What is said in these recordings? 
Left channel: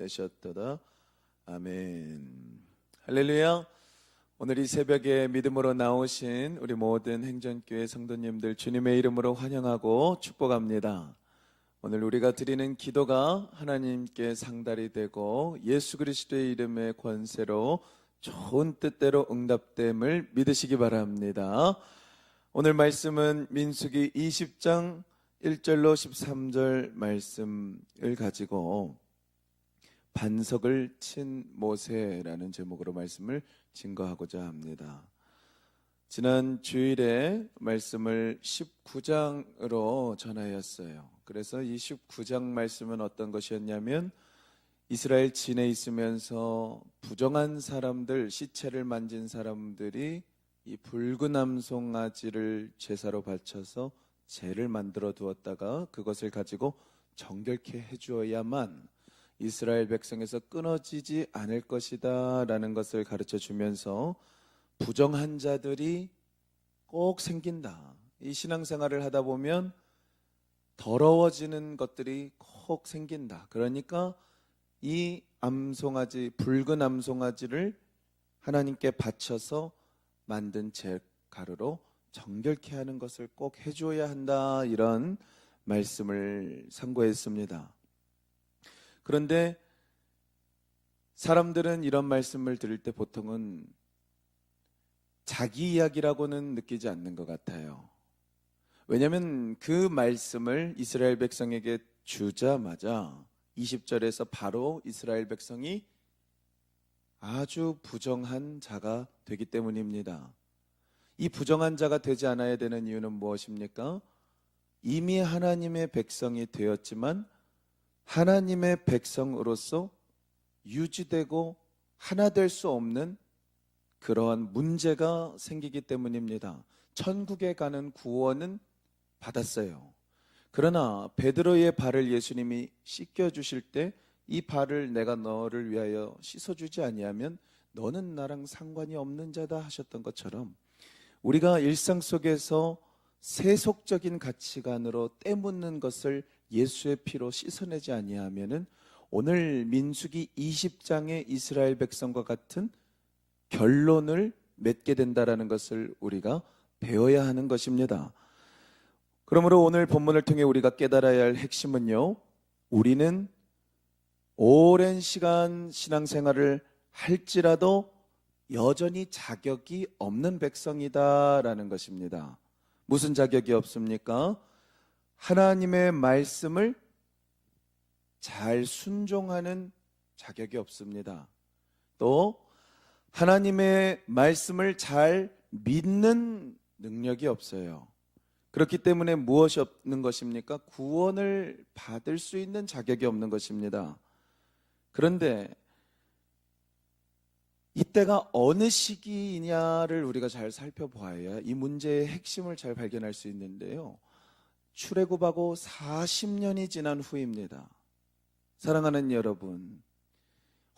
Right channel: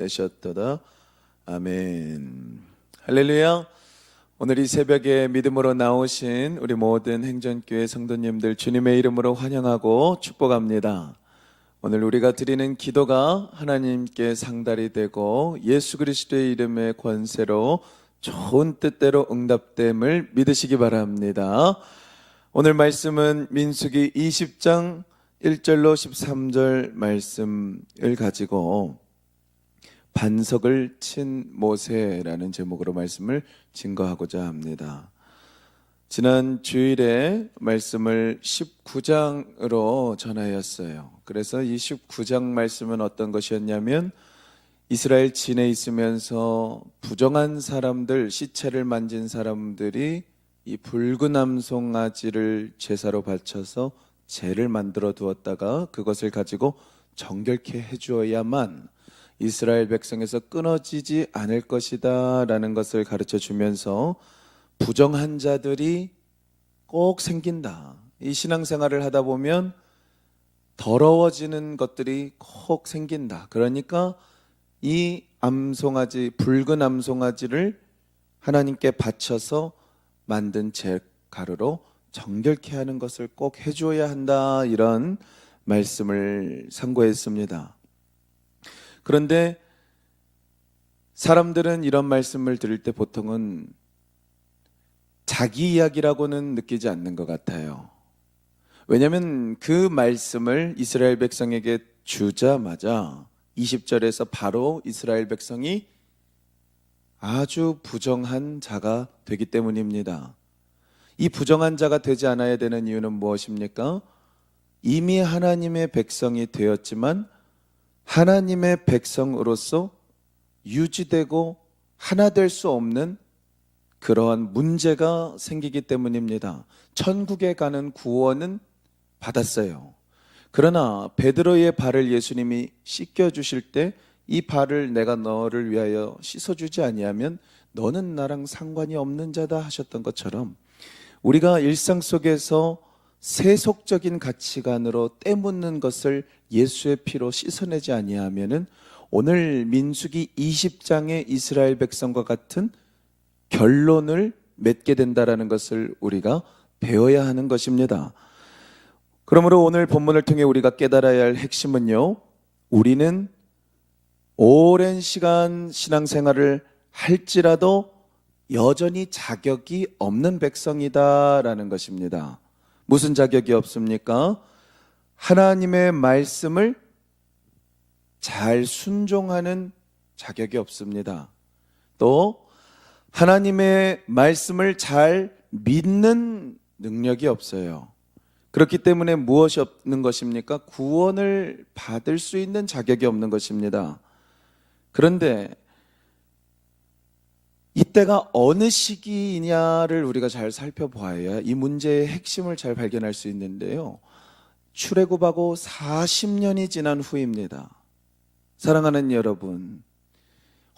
되셨도다. 아멘. 할렐루야. 오늘 이 새벽에 믿음으로 나오신 우리 모든 행전교회 성도님들 주님의 이름으로 환영하고 축복합니다. 오늘 우리가 드리는 기도가 하나님께 상달이 되고 예수 그리스도의 이름의 권세로 좋은 뜻대로 응답됨을 믿으시기 바랍니다. 오늘 말씀은 민수기 20장 1절로 13절 말씀을 가지고 반석을 친 모세라는 제목으로 말씀을 증거하고자 합니다. 지난 주일에 말씀을 19장으로 전하였어요. 그래서 이 19장 말씀은 어떤 것이었냐면 이스라엘 진에 있으면서 부정한 사람들, 시체를 만진 사람들이 이 붉은 암송아지를 제사로 바쳐서 제를 만들어 두었다가 그것을 가지고 정결케 해주어야만 이스라엘 백성에서 끊어지지 않을 것이다 라는 것을 가르쳐 주면서 부정한 자들이 꼭 생긴다. 이 신앙생활을 하다 보면 더러워지는 것들이 꼭 생긴다. 그러니까 이 암송아지, 붉은 암송아지를 하나님께 바쳐서 만든 제가루로 정결케 하는 것을 꼭 해주어야 한다. 이런 말씀을 상고했습니다. 그런데 사람들은 이런 말씀을 들을 때 보통은 자기 이야기라고는 느끼지 않는 것 같아요. 왜냐하면 그 말씀을 이스라엘 백성에게 주자마자 20절에서 바로 이스라엘 백성이 아주 부정한 자가 되기 때문입니다. 이 부정한 자가 되지 않아야 되는 이유는 무엇입니까? 이미 하나님의 백성이 되었지만 하나님의 백성으로서 유지되고 하나 될 수 없는 그러한 문제가 생기기 때문입니다. 천국에 가는 구원은 받았어요. 그러나 베드로의 발을 예수님이 씻겨주실 때 이 발을 내가 너를 위하여 씻어주지 아니하면 너는 나랑 상관이 없는 자다 하셨던 것처럼 우리가 일상 속에서 세속적인 가치관으로 때묻는 것을 예수의 피로 씻어내지 아니하면은 오늘 민수기 20장의 이스라엘 백성과 같은 결론을 맺게 된다라는 것을 우리가 배워야 하는 것입니다. 그러므로 오늘 본문을 통해 우리가 깨달아야 할 핵심은요, 우리는 오랜 시간 신앙생활을 할지라도 여전히 자격이 없는 백성이다라는 것입니다. 무슨 자격이 없습니까? 하나님의 말씀을 잘 순종하는 자격이 없습니다. 또 하나님의 말씀을 잘 믿는 능력이 없어요. 그렇기 때문에 무엇이 없는 것입니까? 구원을 받을 수 있는 자격이 없는 것입니다. 그런데 이때가 어느 시기이냐를 우리가 잘 살펴봐야 이 문제의 핵심을 잘 발견할 수 있는데요. 출애굽하고 40년이 지난 후입니다. 사랑하는 여러분,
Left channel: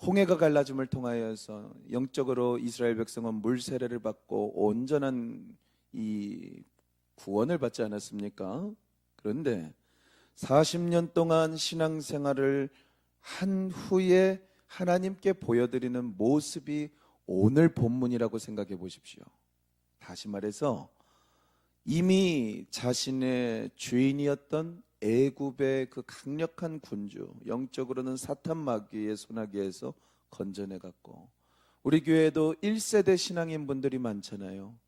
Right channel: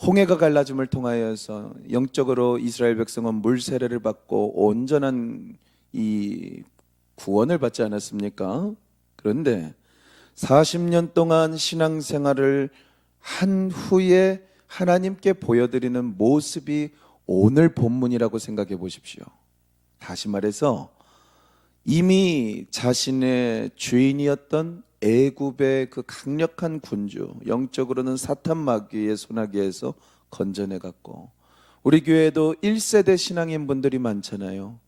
홍해가 갈라짐을 통하여서 영적으로 이스라엘 백성은 물 세례를 받고 온전한 이 구원을 받지 않았습니까? 그런데 40년 동안 신앙생활을 한 후에 하나님께 보여드리는 모습이 오늘 본문이라고 생각해 보십시오. 다시 말해서 이미 자신의 주인이었던 애굽의 그 강력한 군주, 영적으로는 사탄 마귀의 손아귀에서 건져내 갔고, 우리 교회에도 1세대 신앙인 분들이 많잖아요.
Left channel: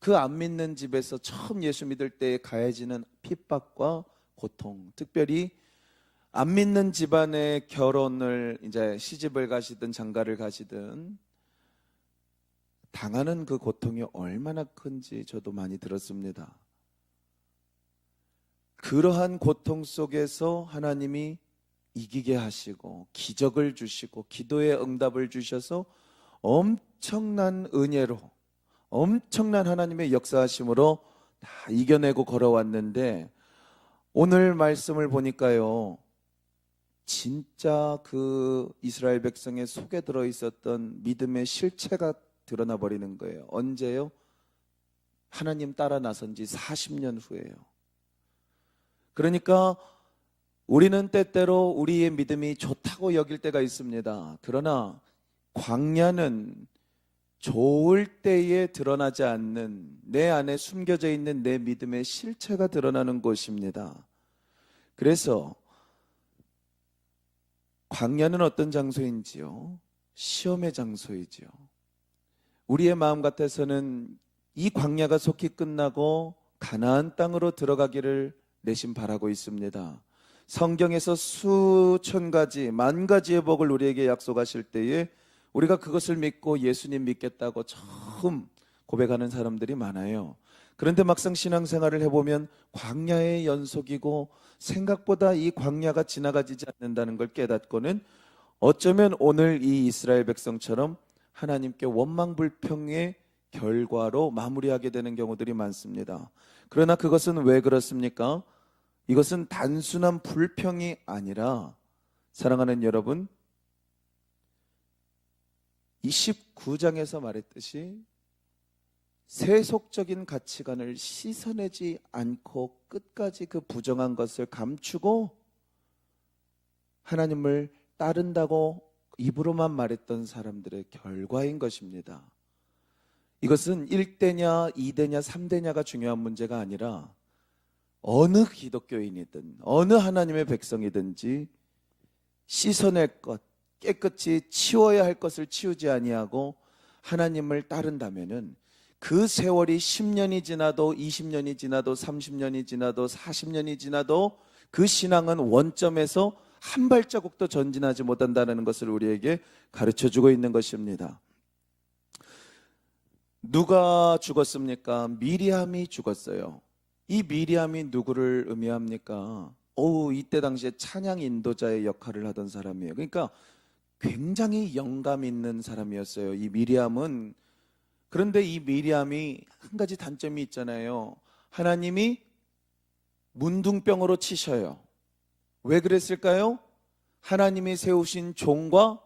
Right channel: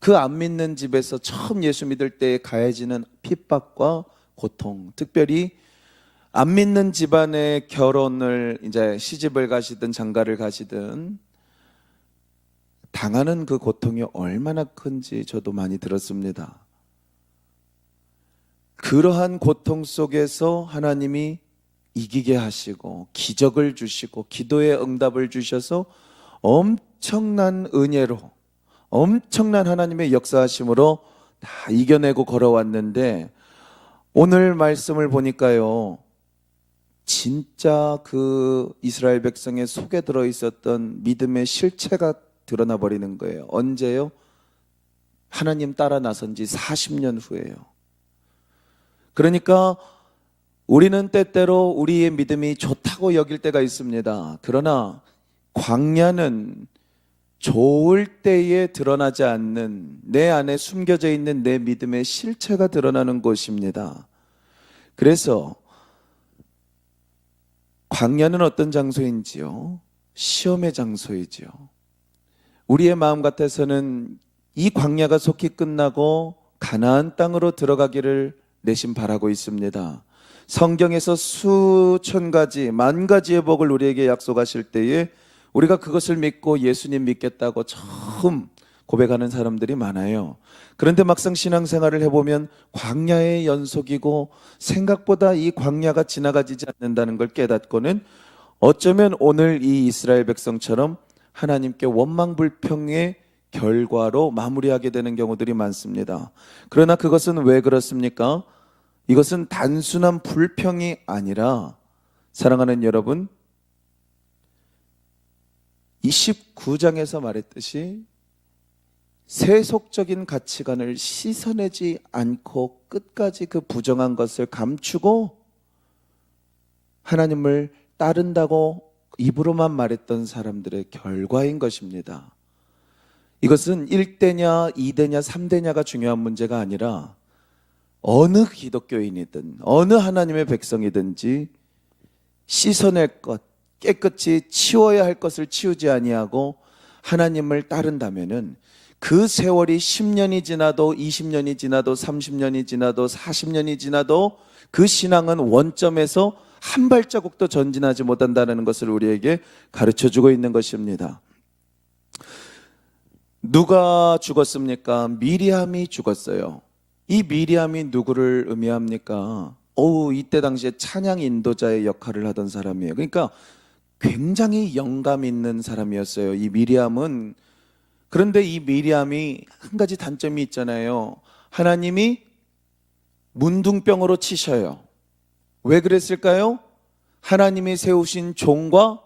그 안 믿는 집에서 처음 예수 믿을 때 가해지는 핍박과 고통, 특별히 안 믿는 집안의 결혼을 이제 시집을 가시든 장가를 가시든 당하는 그 고통이 얼마나 큰지 저도 많이 들었습니다. 그러한 고통 속에서 하나님이 이기게 하시고 기적을 주시고 기도의 응답을 주셔서 엄청난 은혜로 엄청난 하나님의 역사하심으로 다 이겨내고 걸어왔는데 오늘 말씀을 보니까요, 진짜 그 이스라엘 백성의 속에 들어있었던 믿음의 실체가 드러나 버리는 거예요. 언제요? 하나님 따라 나선 지 40년 후에요. 그러니까 우리는 때때로 우리의 믿음이 좋다고 여길 때가 있습니다. 그러나 광야는 좋을 때에 드러나지 않는 내 안에 숨겨져 있는 내 믿음의 실체가 드러나는 곳입니다. 그래서 광야는 어떤 장소인지요? 시험의 장소이지요. 우리의 마음 같아서는 이 광야가 속히 끝나고 가나안 땅으로 들어가기를 내심 바라고 있습니다. 성경에서 수천 가지, 만 가지의 복을 우리에게 약속하실 때에 우리가 그것을 믿고 예수님 믿겠다고 처음 고백하는 사람들이 많아요. 그런데 막상 신앙생활을 해보면 광야의 연속이고 생각보다 이 광야가 지나가지지 않는다는 걸 깨닫고는 어쩌면 오늘 이 이스라엘 백성처럼 하나님께 원망불평의 결과로 마무리하게 되는 경우들이 많습니다. 그러나 그것은 왜 그렇습니까? 이것은 단순한 불평이 아니라 사랑하는 여러분, 29장에서 말했듯이 세속적인 가치관을 씻어내지 않고 끝까지 그 부정한 것을 감추고 하나님을 따른다고 입으로만 말했던 사람들의 결과인 것입니다. 이것은 1대냐 2대냐 3대냐가 중요한 문제가 아니라 어느 기독교인이든 어느 하나님의 백성이든지 씻어낼 것, 깨끗이 치워야 할 것을 치우지 아니하고 하나님을 따른다면은 그 세월이 10년이 지나도 20년이 지나도 30년이 지나도 40년이 지나도 그 신앙은 원점에서 한 발자국도 전진하지 못한다는 것을 우리에게 가르쳐주고 있는 것입니다. 누가 죽었습니까? 미리암이 죽었어요. 이 미리암이 누구를 의미합니까? 이때 당시에 찬양 인도자의 역할을 하던 사람이에요. 그러니까 굉장히 영감 있는 사람이었어요, 이 미리암은. 그런데 이 미리암이 한 가지 단점이 있잖아요. 하나님이 문둥병으로 치셔요. 왜 그랬을까요? 하나님이 세우신 종과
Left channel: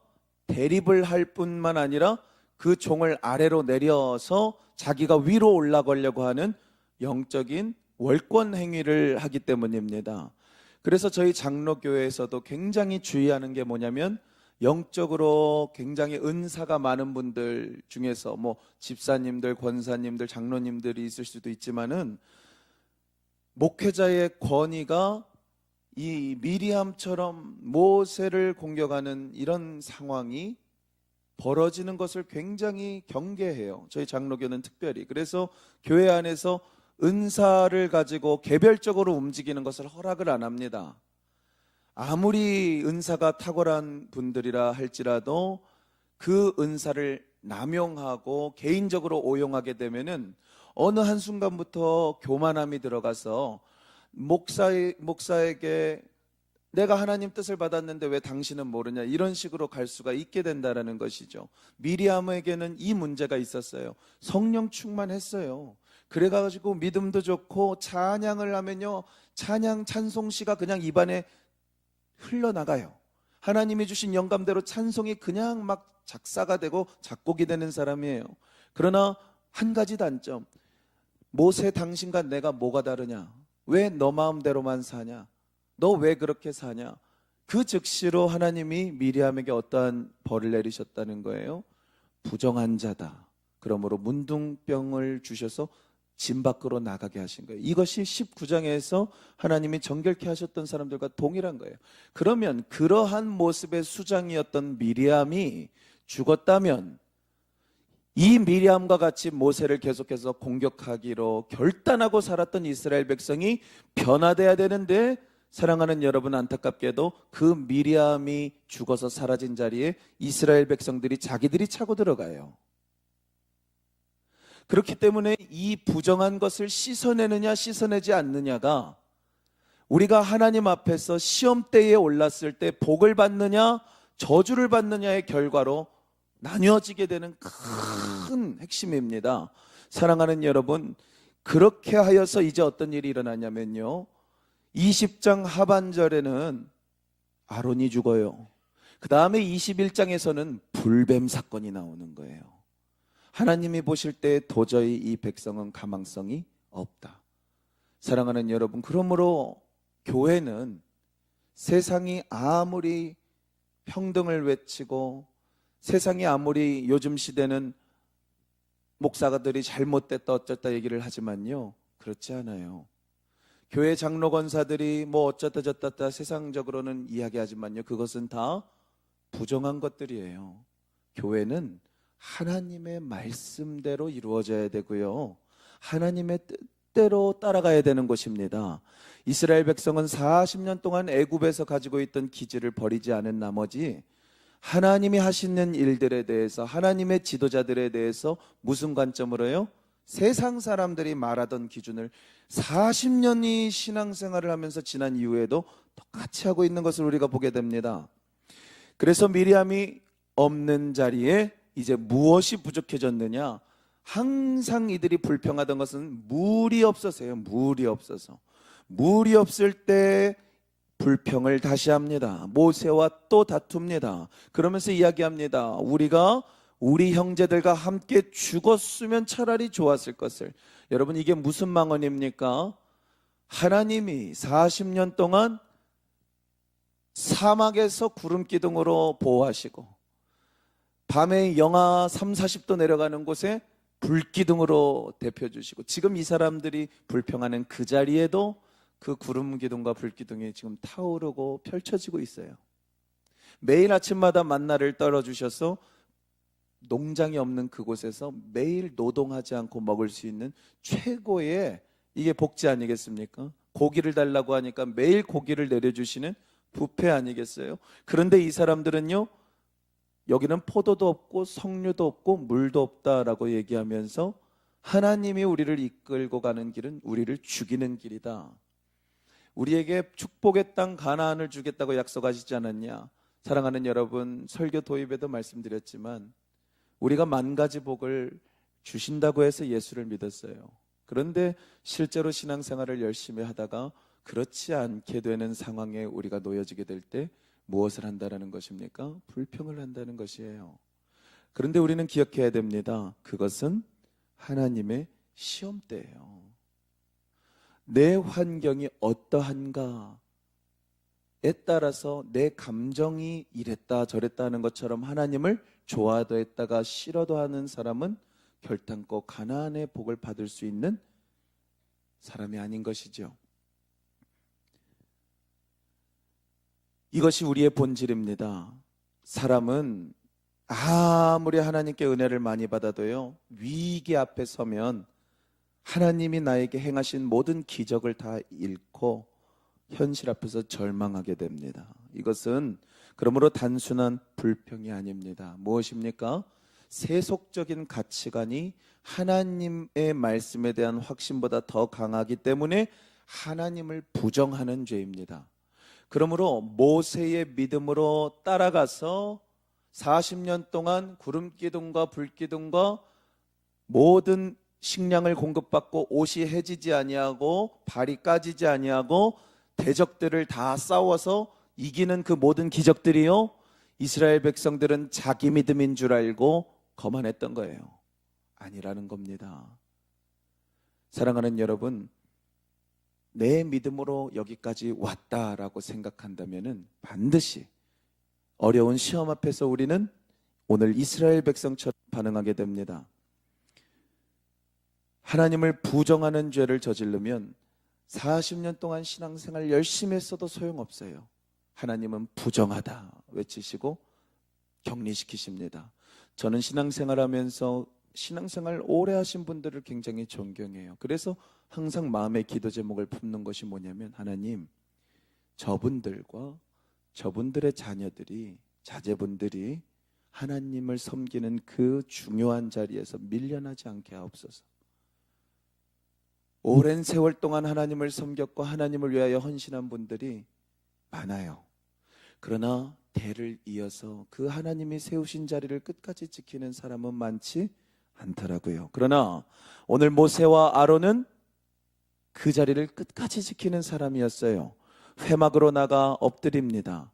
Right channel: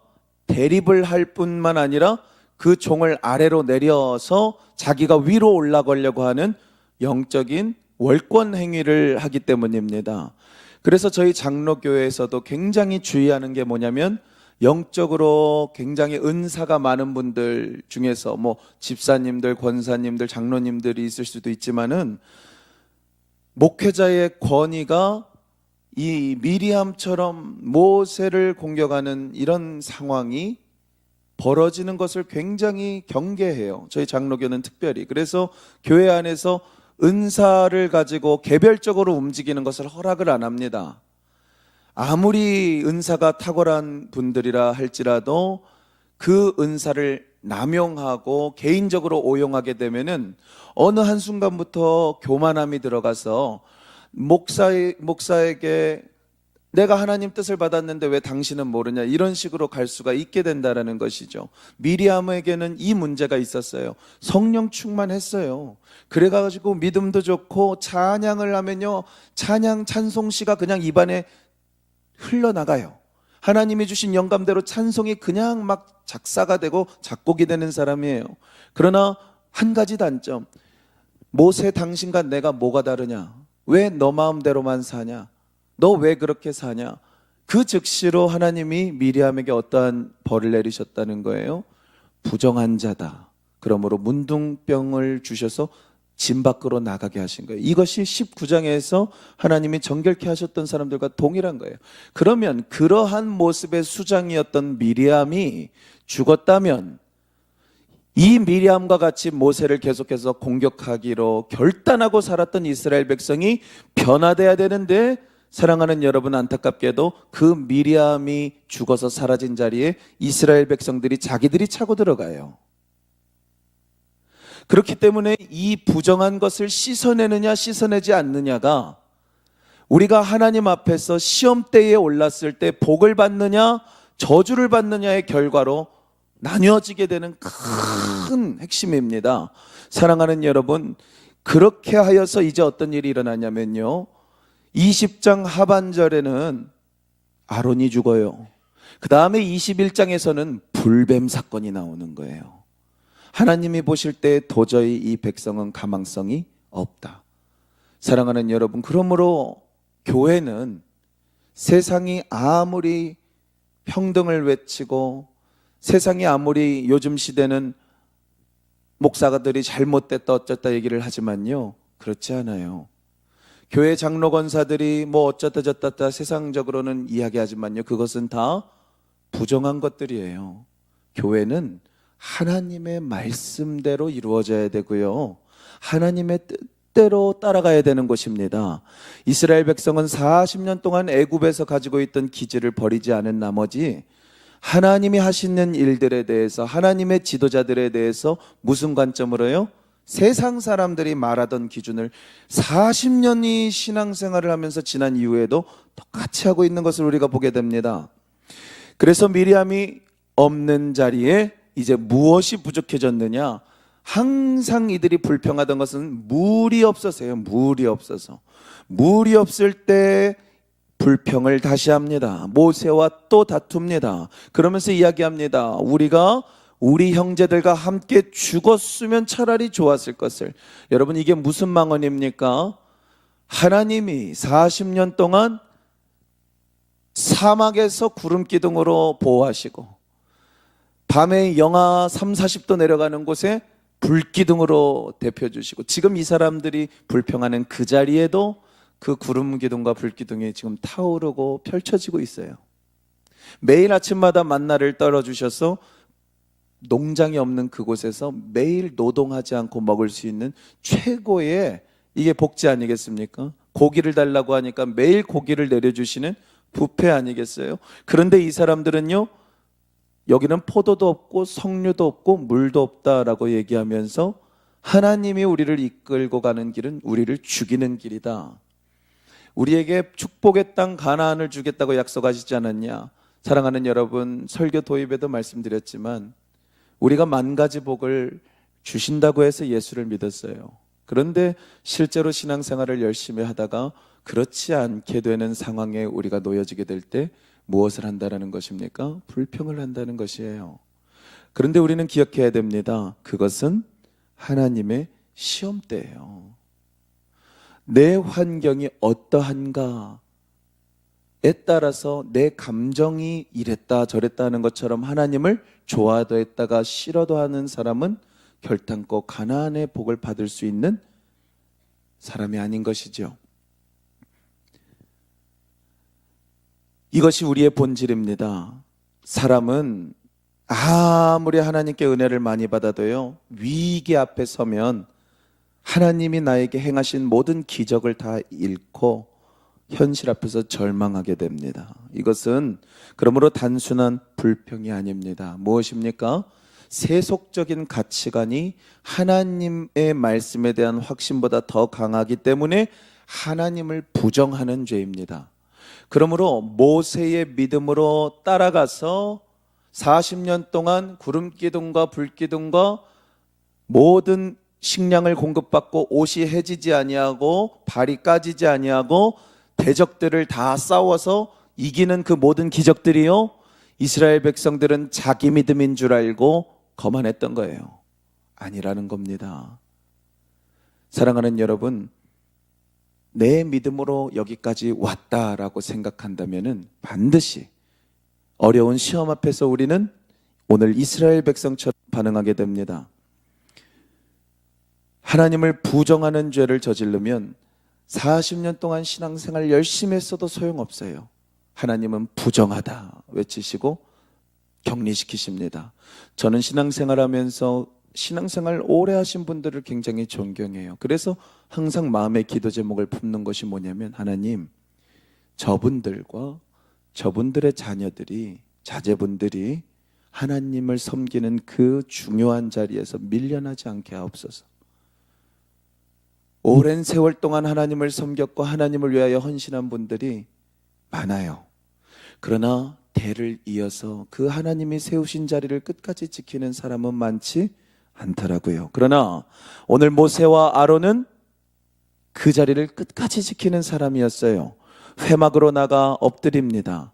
대립을 할 뿐만 아니라 그 종을 아래로 내려서 자기가 위로 올라가려고 하는 영적인 월권 행위를 하기 때문입니다. 그래서 저희 장로교회에서도 굉장히 주의하는 게 뭐냐면 영적으로 굉장히 은사가 많은 분들 중에서 집사님들, 권사님들, 장로님들이 있을 수도 있지만은 목회자의 권위가 이 미리암처럼 모세를 공격하는 이런 상황이 벌어지는 것을 굉장히 경계해요. 저희 장로교는 특별히. 그래서 교회 안에서 은사를 가지고 개별적으로 움직이는 것을 허락을 안 합니다. 아무리 은사가 탁월한 분들이라 할지라도 그 은사를 남용하고 개인적으로 오용하게 되면은 어느 한순간부터 교만함이 들어가서 목사에게 내가 하나님 뜻을 받았는데 왜 당신은 모르냐, 이런 식으로 갈 수가 있게 된다는 것이죠. 미리암에게는 이 문제가 있었어요. 성령 충만했어요. 그래가지고 믿음도 좋고 찬양을 하면요, 찬송시가 그냥 입안에 흘러나가요. 하나님이 주신 영감대로 찬송이 그냥 막 작사가 되고 작곡이 되는 사람이에요. 그러나 한 가지 단점, 모세 당신과 내가 뭐가 다르냐, 왜 너 마음대로만 사냐, 너 왜 그렇게 사냐. 그 즉시로 하나님이 미리암에게 어떠한 벌을 내리셨다는 거예요? 부정한 자다. 그러므로 문둥병을 주셔서 진 밖으로 나가게 하신 거예요. 이것이 19장에서 하나님이 정결케 하셨던 사람들과 동일한 거예요. 그러면 그러한 모습의 수장이었던 미리암이 죽었다면 이 미리암과 같이 모세를 계속해서 공격하기로 결단하고 살았던 이스라엘 백성이 변화돼야 되는데, 사랑하는 여러분, 안타깝게도 그 미리암이 죽어서 사라진 자리에 이스라엘 백성들이 자기들이 차고 들어가요. 그렇기 때문에 이 부정한 것을 씻어내느냐 씻어내지 않느냐가 우리가 하나님 앞에서 시험대에 올랐을 때 복을 받느냐 저주를 받느냐의 결과로 나뉘어지게 되는 큰 핵심입니다. 사랑하는 여러분, 그렇게 하여서 이제 어떤 일이 일어나냐면요, 20장 하반절에는 아론이 죽어요. 그 다음에 21장에서는 불뱀 사건이 나오는 거예요. 하나님이 보실 때 도저히 이 백성은 가망성이 없다. 사랑하는 여러분, 그러므로 교회는 세상이 아무리 평등을 외치고 세상이 아무리 요즘 시대는 목사가들이 잘못됐다 어쩌다 얘기를 하지만요, 그렇지 않아요. 교회 장로 권사들이 뭐 어쩌다 저쩌다 세상적으로는 이야기하지만요, 그것은 다 부정한 것들이에요. 교회는 하나님의 말씀대로 이루어져야 되고요, 하나님의 뜻대로 따라가야 되는 것입니다. 이스라엘 백성은 40년 동안 애굽에서 가지고 있던 기질을 버리지 않은 나머지 하나님이 하시는 일들에 대해서, 하나님의 지도자들에 대해서 무슨 관점으로요? 세상 사람들이 말하던 기준을 40년이 신앙생활을 하면서 지난 이후에도 똑같이 하고 있는 것을 우리가 보게 됩니다. 그래서 미리암이 없는 자리에 이제 무엇이 부족해졌느냐? 항상 이들이 불평하던 것은 물이 없어서요. 물이 없어서. 물이 없을 때 불평을 다시 합니다. 모세와 또 다툽니다. 그러면서 이야기합니다. 우리가 우리 형제들과 함께 죽었으면 차라리 좋았을 것을. 여러분, 이게 무슨 망언입니까? 하나님이 40년 동안 사막에서 구름 기둥으로 보호하시고 밤에 영하 3, 40도 내려가는 곳에 불기둥으로 데펴주시고, 지금 이 사람들이 불평하는 그 자리에도 그 구름 기둥과 불 기둥이 지금 타오르고 펼쳐지고 있어요. 매일 아침마다 만나를 떨어주셔서 농장이 없는 그곳에서 매일 노동하지 않고 먹을 수 있는 최고의, 이게 복지 아니겠습니까? 고기를 달라고 하니까 매일 고기를 내려주시는 뷔페 아니겠어요? 그런데 이 사람들은요, 여기는 포도도 없고 석류도 없고 물도 없다라고 얘기하면서 하나님이 우리를 이끌고 가는 길은 우리를 죽이는 길이다. 우리에게 축복의 땅 가나안을 주겠다고 약속하시지 않았냐? 사랑하는 여러분, 설교 도입에도 말씀드렸지만 우리가 만 가지 복을 주신다고 해서 예수를 믿었어요. 그런데 실제로 신앙생활을 열심히 하다가 그렇지 않게 되는 상황에 우리가 놓여지게 될 때 무엇을 한다는 것입니까? 불평을 한다는 것이에요. 그런데 우리는 기억해야 됩니다. 그것은 하나님의 시험대예요. 내 환경이 어떠한가에 따라서 내 감정이 이랬다 저랬다 하는 것처럼 하나님을 좋아도 했다가 싫어도 하는 사람은 결단코 가나안의 복을 받을 수 있는 사람이 아닌 것이죠. 이것이 우리의 본질입니다. 사람은 아무리 하나님께 은혜를 많이 받아도요, 위기 앞에 서면 하나님이 나에게 행하신 모든 기적을 다 잃고 현실 앞에서 절망하게 됩니다. 이것은 그러므로 단순한 불평이 아닙니다. 무엇입니까? 세속적인 가치관이 하나님의 말씀에 대한 확신보다 더 강하기 때문에 하나님을 부정하는 죄입니다. 그러므로 모세의 믿음으로 따라가서 40년 동안 구름기둥과 불기둥과 모든 식량을 공급받고 옷이 해지지 아니하고 발이 까지지 아니하고 대적들을 다 싸워서 이기는 그 모든 기적들이요, 이스라엘 백성들은 자기 믿음인 줄 알고 거만했던 거예요. 아니라는 겁니다. 사랑하는 여러분, 내 믿음으로 여기까지 왔다라고 생각한다면 반드시 어려운 시험 앞에서 우리는 오늘 이스라엘 백성처럼 반응하게 됩니다. 하나님을 부정하는 죄를 저지르면 40년 동안 신앙생활 열심히 했어도 소용없어요. 하나님은 부정하다 외치시고 격리시키십니다. 저는 신앙생활하면서 신앙생활 오래 하신 분들을 굉장히 존경해요. 그래서 항상 마음의 기도 제목을 품는 것이 뭐냐면, 하나님, 저분들과 저분들의 자녀들이, 자제분들이 하나님을 섬기는 그 중요한 자리에서 밀려나지 않게 하옵소서. 오랜 세월 동안 하나님을 섬겼고 하나님을 위하여 헌신한 분들이 많아요. 그러나 대를 이어서 그 하나님이 세우신 자리를 끝까지 지키는 사람은 많지 않더라고요. 그러나 오늘 모세와 아론은 그 자리를 끝까지 지키는 사람이었어요. 회막으로 나가 엎드립니다.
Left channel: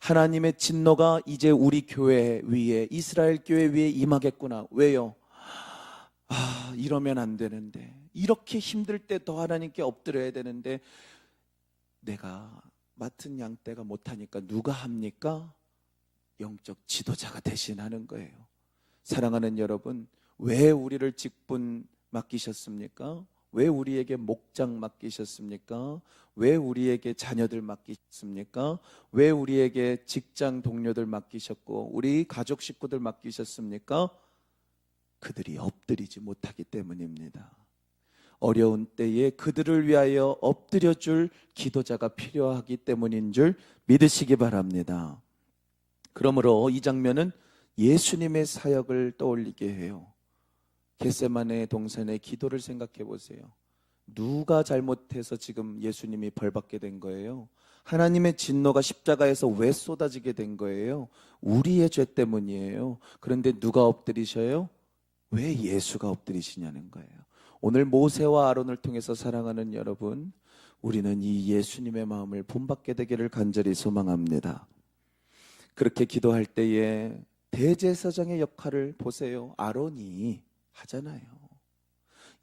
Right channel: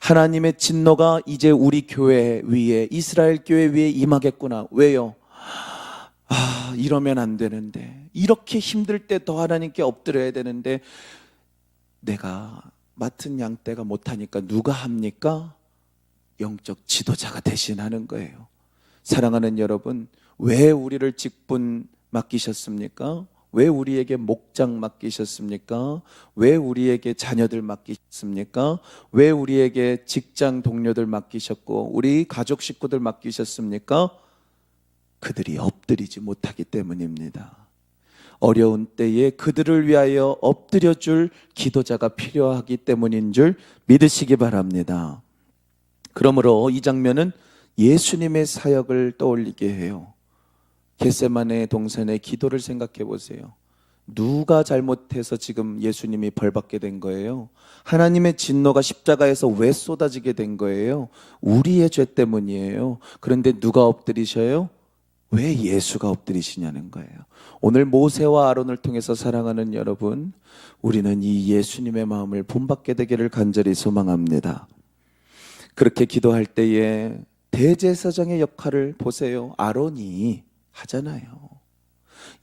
하나님의 진노가 이제 우리 교회 위에, 이스라엘 교회 위에 임하겠구나. 왜요? 이러면 안 되는데, 이렇게 힘들 때 더 하나님께 엎드려야 되는데 내가 맡은 양떼가 못하니까 누가 합니까? 영적 지도자가 대신하는 거예요. 사랑하는 여러분, 왜 우리를 직분 맡기셨습니까? 왜 우리에게 목장 맡기셨습니까? 왜 우리에게 자녀들 맡기셨습니까? 왜 우리에게 직장 동료들 맡기셨고 우리 가족 식구들 맡기셨습니까? 그들이 엎드리지 못하기 때문입니다. 어려운 때에 그들을 위하여 엎드려줄 기도자가 필요하기 때문인 줄 믿으시기 바랍니다. 그러므로 이 장면은 예수님의 사역을 떠올리게 해요. 겟세마네 동산의 기도를 생각해 보세요. 누가 잘못해서 지금 예수님이 벌받게 된 거예요? 하나님의 진노가 십자가에서 왜 쏟아지게 된 거예요? 우리의 죄 때문이에요. 그런데 누가 엎드리셔요? 왜 예수가 엎드리시냐는 거예요. 오늘 모세와 아론을 통해서 사랑하는 여러분, 우리는 이 예수님의 마음을 본받게 되기를 간절히 소망합니다. 그렇게 기도할 때에 대제사장의 역할을 보세요. 아론이 하잖아요.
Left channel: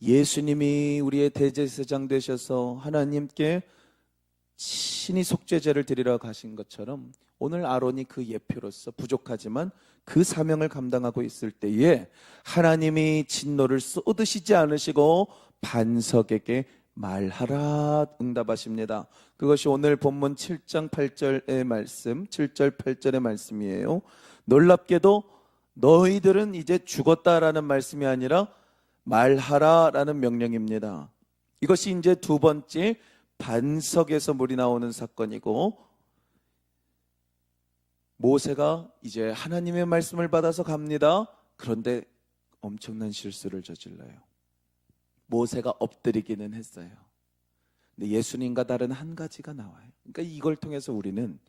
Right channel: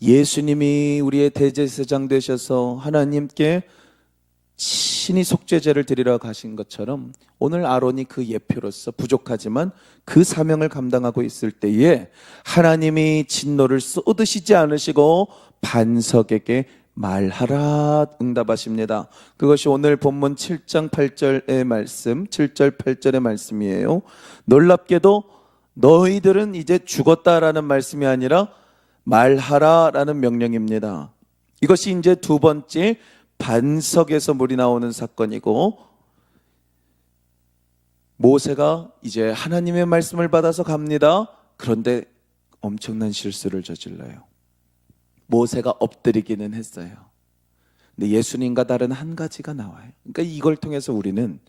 예수님이 우리의 대제사장 되셔서 하나님께 신이 속죄제를 드리러 가신 것처럼 오늘 아론이 그 예표로서 부족하지만 그 사명을 감당하고 있을 때에 하나님이 진노를 쏟으시지 않으시고 반석에게 말하라 응답하십니다. 그것이 오늘 본문 7장 8절의 말씀, 7절 8절의 말씀이에요. 놀랍게도 너희들은 이제 죽었다라는 말씀이 아니라 말하라라는 명령입니다. 이것이 이제 두 번째 반석에서 물이 나오는 사건이고, 모세가 이제 하나님의 말씀을 받아서 갑니다. 그런데 엄청난 실수를 저질러요. 모세가 엎드리기는 했어요. 근데 예수님과 다른 한 가지가 나와요. 그러니까 이걸 통해서 우리는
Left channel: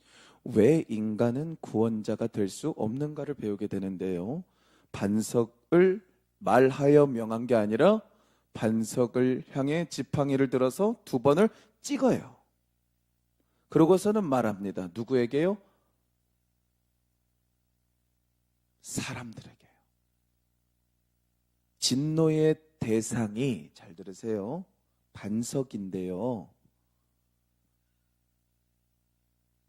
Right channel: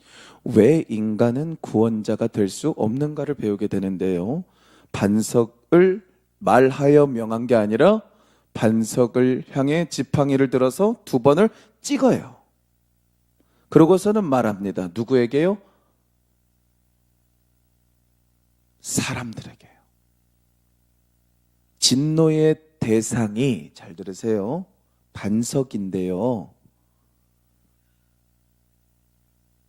왜 인간은 구원자가 될 수 없는가를 배우게 되는데요. 반석을 말하여 명한 게 아니라 반석을 향해 지팡이를 들어서 두 번을 찍어요. 그러고서는 말합니다. 누구에게요? 사람들에게요. 진노의 대상이, 잘 들으세요, 반석인데요,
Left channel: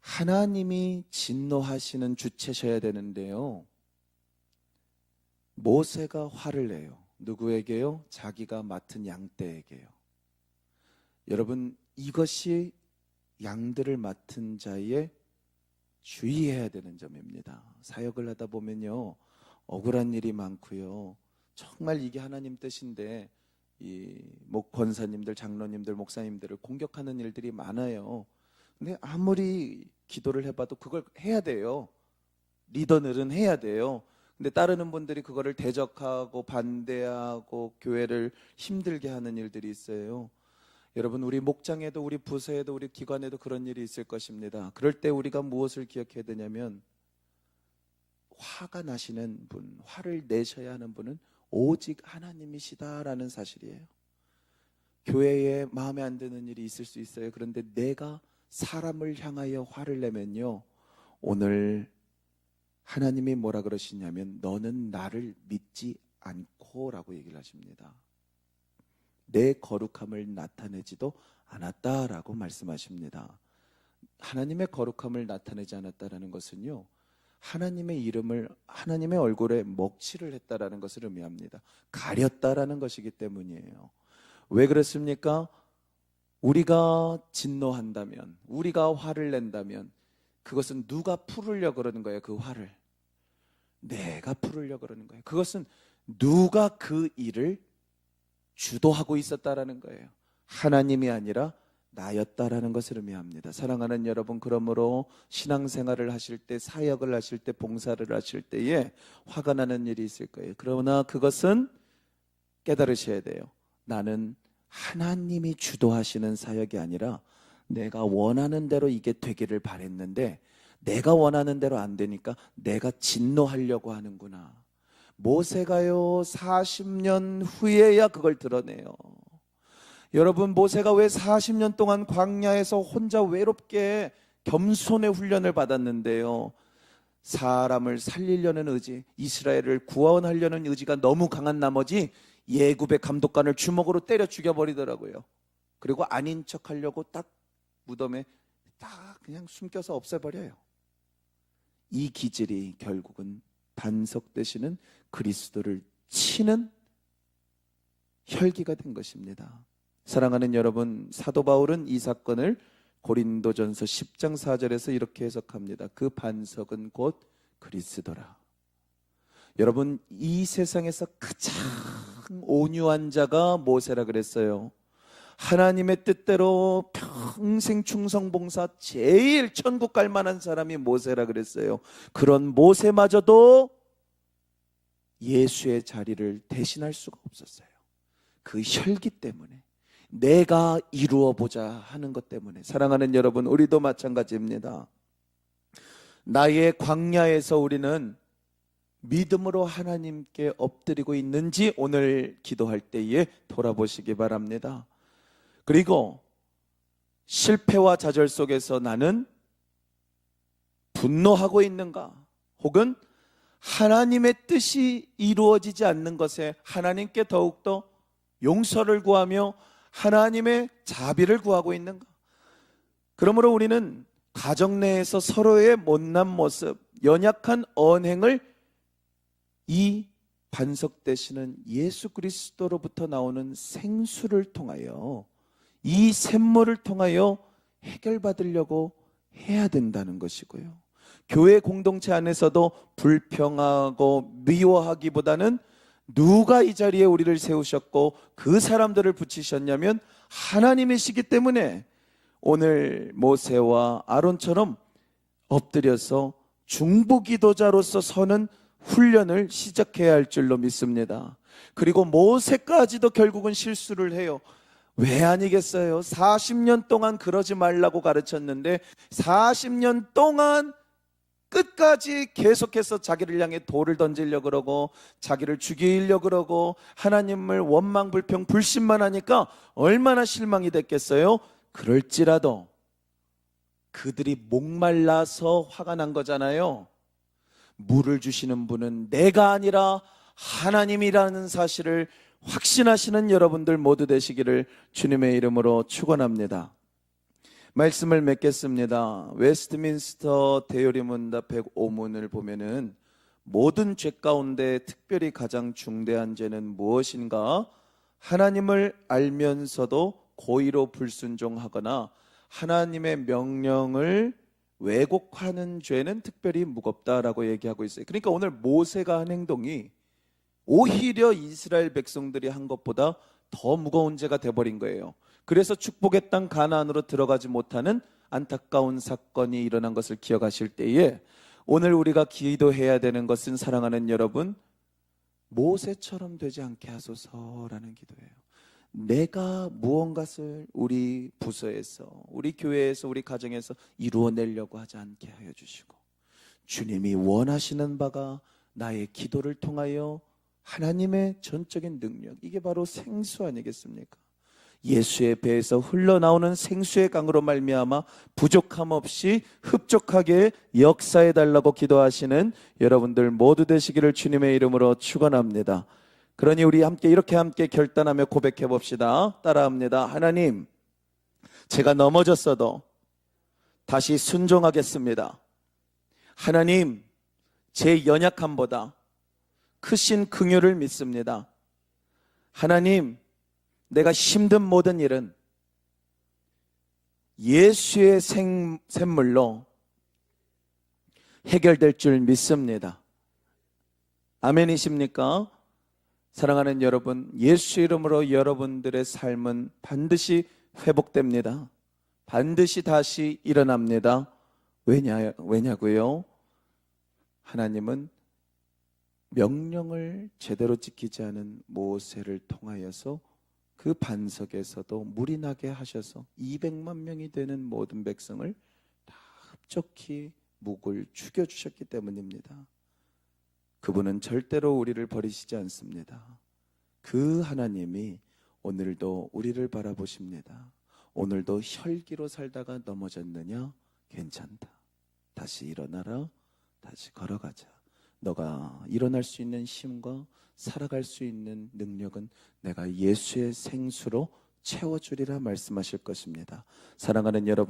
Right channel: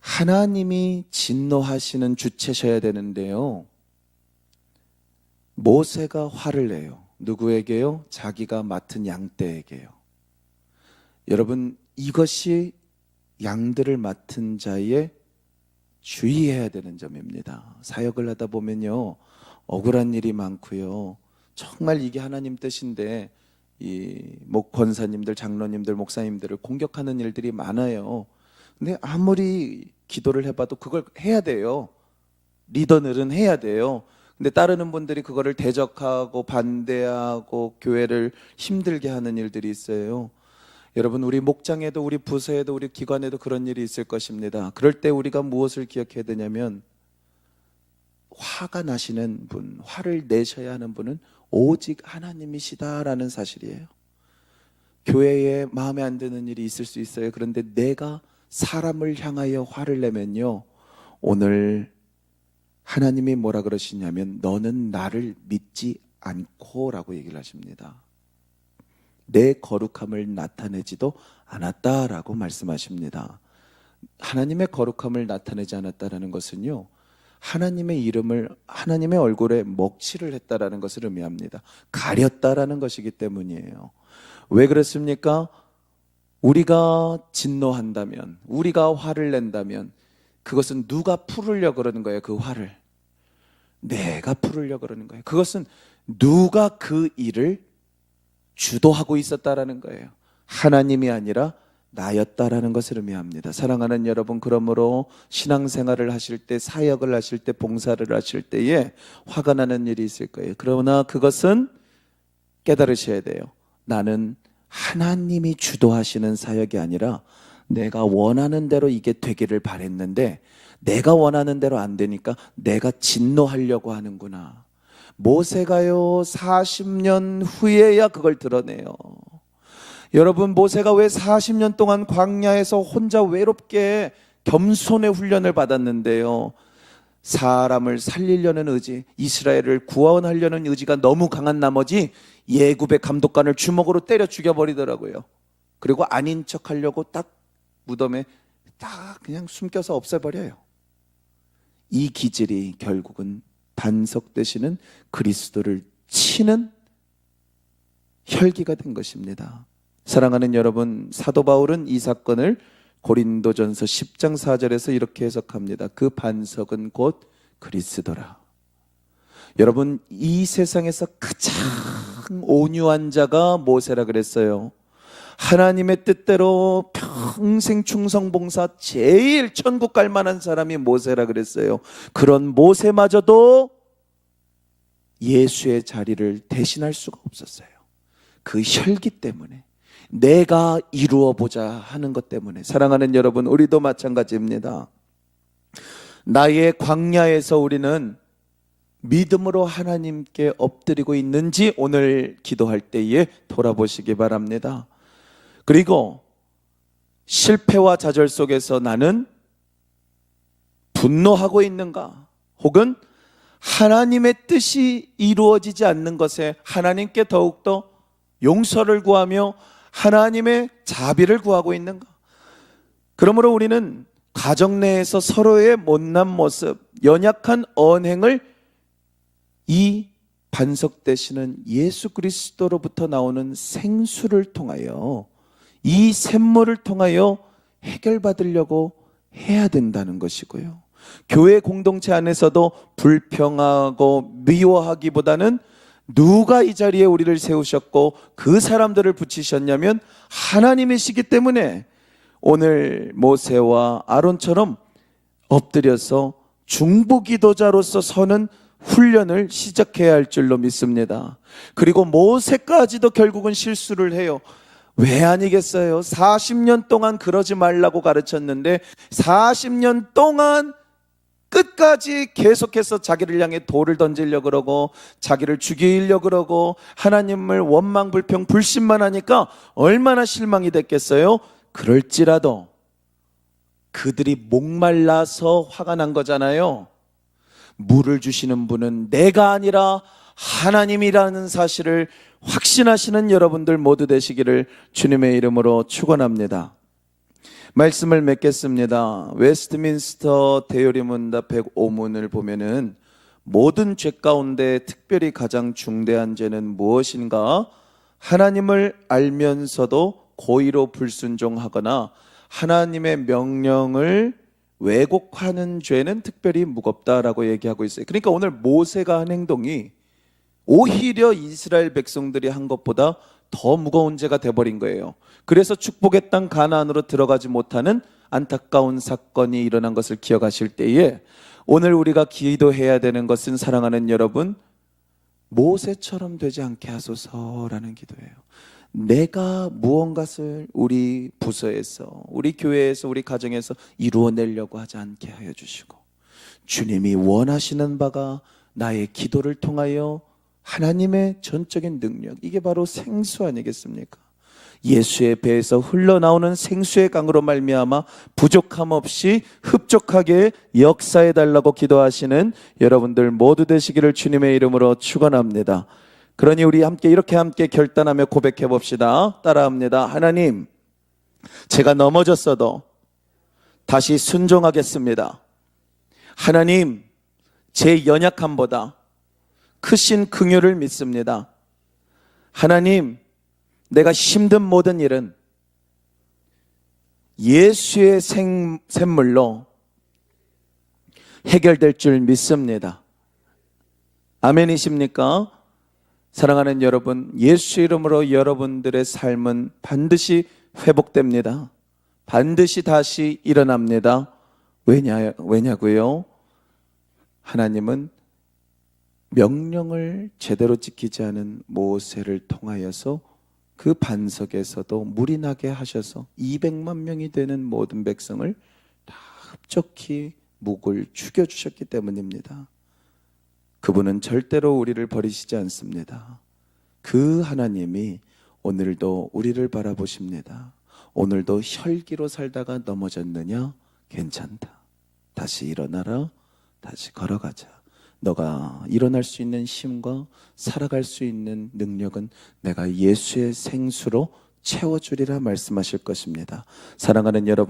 하나님이 진노하시는 주체셔야 되는데요, 모세가 화를 내요. 누구에게요? 자기가 맡은 양떼에게요. 여러분, 이것이 양들을 맡은 자의 주의해야 되는 점입니다. 사역을 하다 보면요, 억울한 일이 많고요, 정말 이게 하나님 뜻인데 이 권사님들, 장로님들, 목사님들을 공격하는 일들이 많아요. 근데 아무리 기도를 해봐도 그걸 해야 돼요. 리더들은 해야 돼요. 근데 따르는 분들이 그거를 대적하고 반대하고 교회를 힘들게 하는 일들이 있어요. 여러분, 우리 목장에도 우리 부서에도 우리 기관에도 그런 일이 있을 것입니다. 그럴 때 우리가 무엇을 기억해야 되냐면, 화가 나시는 분, 화를 내셔야 하는 분은 오직 하나님이시다라는 사실이에요. 교회에 마음에 안 드는 일이 있을 수 있어요. 그런데 내가 사람을 향하여 화를 내면요, 오늘 하나님이 뭐라 그러시냐면 너는 나를 믿지 않고 라고 얘기를 하십니다. 내 거룩함을 나타내지도 않았다라고 말씀하십니다. 하나님의 거룩함을 나타내지 않았다라는 것은요, 하나님의 이름을, 하나님의 얼굴에 먹칠을 했다라는 것을 의미합니다. 가렸다라는 것이기 때문이에요. 왜 그렇습니까? 우리가 진노한다면, 우리가 화를 낸다면 그것은 누가 풀으려고 그러는 거예요? 그 화를 내가 풀으려고 그러는 거예요. 그것은 누가 그 일을 주도하고 있었다라는 거예요. 하나님이 아니라 나였다라는 것을 의미합니다. 사랑하는 여러분, 그러므로 신앙생활을 하실 때, 사역을 하실 때, 봉사를 하실 때에 화가 나는 일이 있을 거예요. 그러나 그것은 깨달으셔야 돼요. 나는 하나님이 주도하시는 사역이 아니라 내가 원하는 대로 이게 되기를 바랬는데 내가 원하는 대로 안 되니까 내가 진노하려고 하는구나. 모세가요 40년 후에야 그걸 드러내요. 여러분, 모세가 왜 40년 동안 광야에서 혼자 외롭게 겸손의 훈련을 받았는데요, 사람을 살리려는 의지, 이스라엘을 구원하려는 의지가 너무 강한 나머지 예굽의 감독관을 주먹으로 때려 죽여버리더라고요. 그리고 아닌 척하려고 딱 무덤에 다 그냥 숨겨서 없애버려요. 이 기질이 결국은 반석 되시는 그리스도를 치는 혈기가 된 것입니다. 사랑하는 여러분, 사도 바울은 이 사건을 고린도전서 10장 4절에서 이렇게 해석합니다. 그 반석은 곧 그리스도라. 여러분, 이 세상에서 가장 온유한 자가 모세라 그랬어요. 하나님의 뜻대로 평생 충성봉사 제일 천국 갈 만한 사람이 모세라 그랬어요. 그런 모세마저도 예수의 자리를 대신할 수가 없었어요. 그 혈기 때문에, 내가 이루어 보자 하는 것 때문에. 사랑하는 여러분, 우리도 마찬가지입니다. 나의 광야에서 우리는 믿음으로 하나님께 엎드리고 있는지 오늘 기도할 때에 돌아보시기 바랍니다. 그리고 실패와 좌절 속에서 나는 분노하고 있는가? 혹은 하나님의 뜻이 이루어지지 않는 것에 하나님께 더욱더 용서를 구하며 하나님의 자비를 구하고 있는가? 그러므로 우리는 가정 내에서 서로의 못난 모습, 연약한 언행을 이 반석 되시는 예수 그리스도로부터 나오는 생수를 통하여, 이 샘물을 통하여 해결받으려고 해야 된다는 것이고요. 교회 공동체 안에서도 불평하고 미워하기보다는 누가 이 자리에 우리를 세우셨고 그 사람들을 붙이셨냐면 하나님이시기 때문에 오늘 모세와 아론처럼 엎드려서 중보기도자로서 서는 훈련을 시작해야 할 줄로 믿습니다. 그리고 모세까지도 결국은 실수를 해요. 왜 아니겠어요? 40년 동안 그러지 말라고 가르쳤는데 40년 동안 끝까지 계속해서 자기를 향해 돌을 던지려고 그러고 자기를 죽이려고 그러고 하나님을 원망, 불평, 불신만 하니까 얼마나 실망이 됐겠어요? 그럴지라도 그들이 목말라서 화가 난 거잖아요. 물을 주시는 분은 내가 아니라 하나님이라는 사실을 확신하시는 여러분들 모두 되시기를 주님의 이름으로 축원합니다. 말씀을 맺겠습니다. 웨스트민스터 대요리문답 105문을 보면은 모든 죄 가운데 특별히 가장 중대한 죄는 무엇인가? 하나님을 알면서도 고의로 불순종하거나 하나님의 명령을 왜곡하는 죄는 특별히 무겁다라고 얘기하고 있어요. 그러니까 오늘 모세가 한 행동이 오히려 이스라엘 백성들이 한 것보다 더 무거운 죄가 돼버린 거예요. 그래서 축복의 땅 가나안으로 들어가지 못하는 안타까운 사건이 일어난 것을 기억하실 때에 오늘 우리가 기도해야 되는 것은, 사랑하는 여러분, 모세처럼 되지 않게 하소서라는 기도예요. 내가 무언가를 우리 부서에서, 우리 교회에서, 우리 가정에서 이루어내려고 하지 않게 하여 주시고, 주님이 원하시는 바가 나의 기도를 통하여 하나님의 전적인 능력, 이게 바로 생수 아니겠습니까? 예수의 배에서 흘러나오는 생수의 강으로 말미암아 부족함 없이 흡족하게 역사해 달라고 기도하시는 여러분들 모두 되시기를 주님의 이름으로 축원합니다. 그러니 우리 함께 이렇게 함께 결단하며 고백해 봅시다. 따라합니다. 하나님, 제가 넘어졌어도 다시 순종하겠습니다. 하나님, 제 연약함보다 크신 긍휼을 믿습니다. 하나님, 내가 힘든 모든 일은 예수의 샘물로 해결될 줄 믿습니다. 아멘이십니까? 사랑하는 여러분, 예수 이름으로 여러분들의 삶은 반드시 회복됩니다. 반드시 다시 일어납니다. 왜냐고요? 하나님은 명령을 제대로 지키지 않은 모세를 통하여서 그 반석에서도 물이 나게 하셔서 200만 명이 되는 모든 백성을 다 흡족히 묵을 죽여주셨기 때문입니다. 그분은 절대로 우리를 버리시지 않습니다. 그 하나님이 오늘도 우리를 바라보십니다. 오늘도 혈기로 살다가 넘어졌느냐? 괜찮다. 다시 일어나라. 다시 걸어가자. 너가 일어날 수 있는 힘과 살아갈 수 있는 능력은 내가 예수의 생수로 채워주리라 말씀하실 것입니다. 사랑하는 여러분,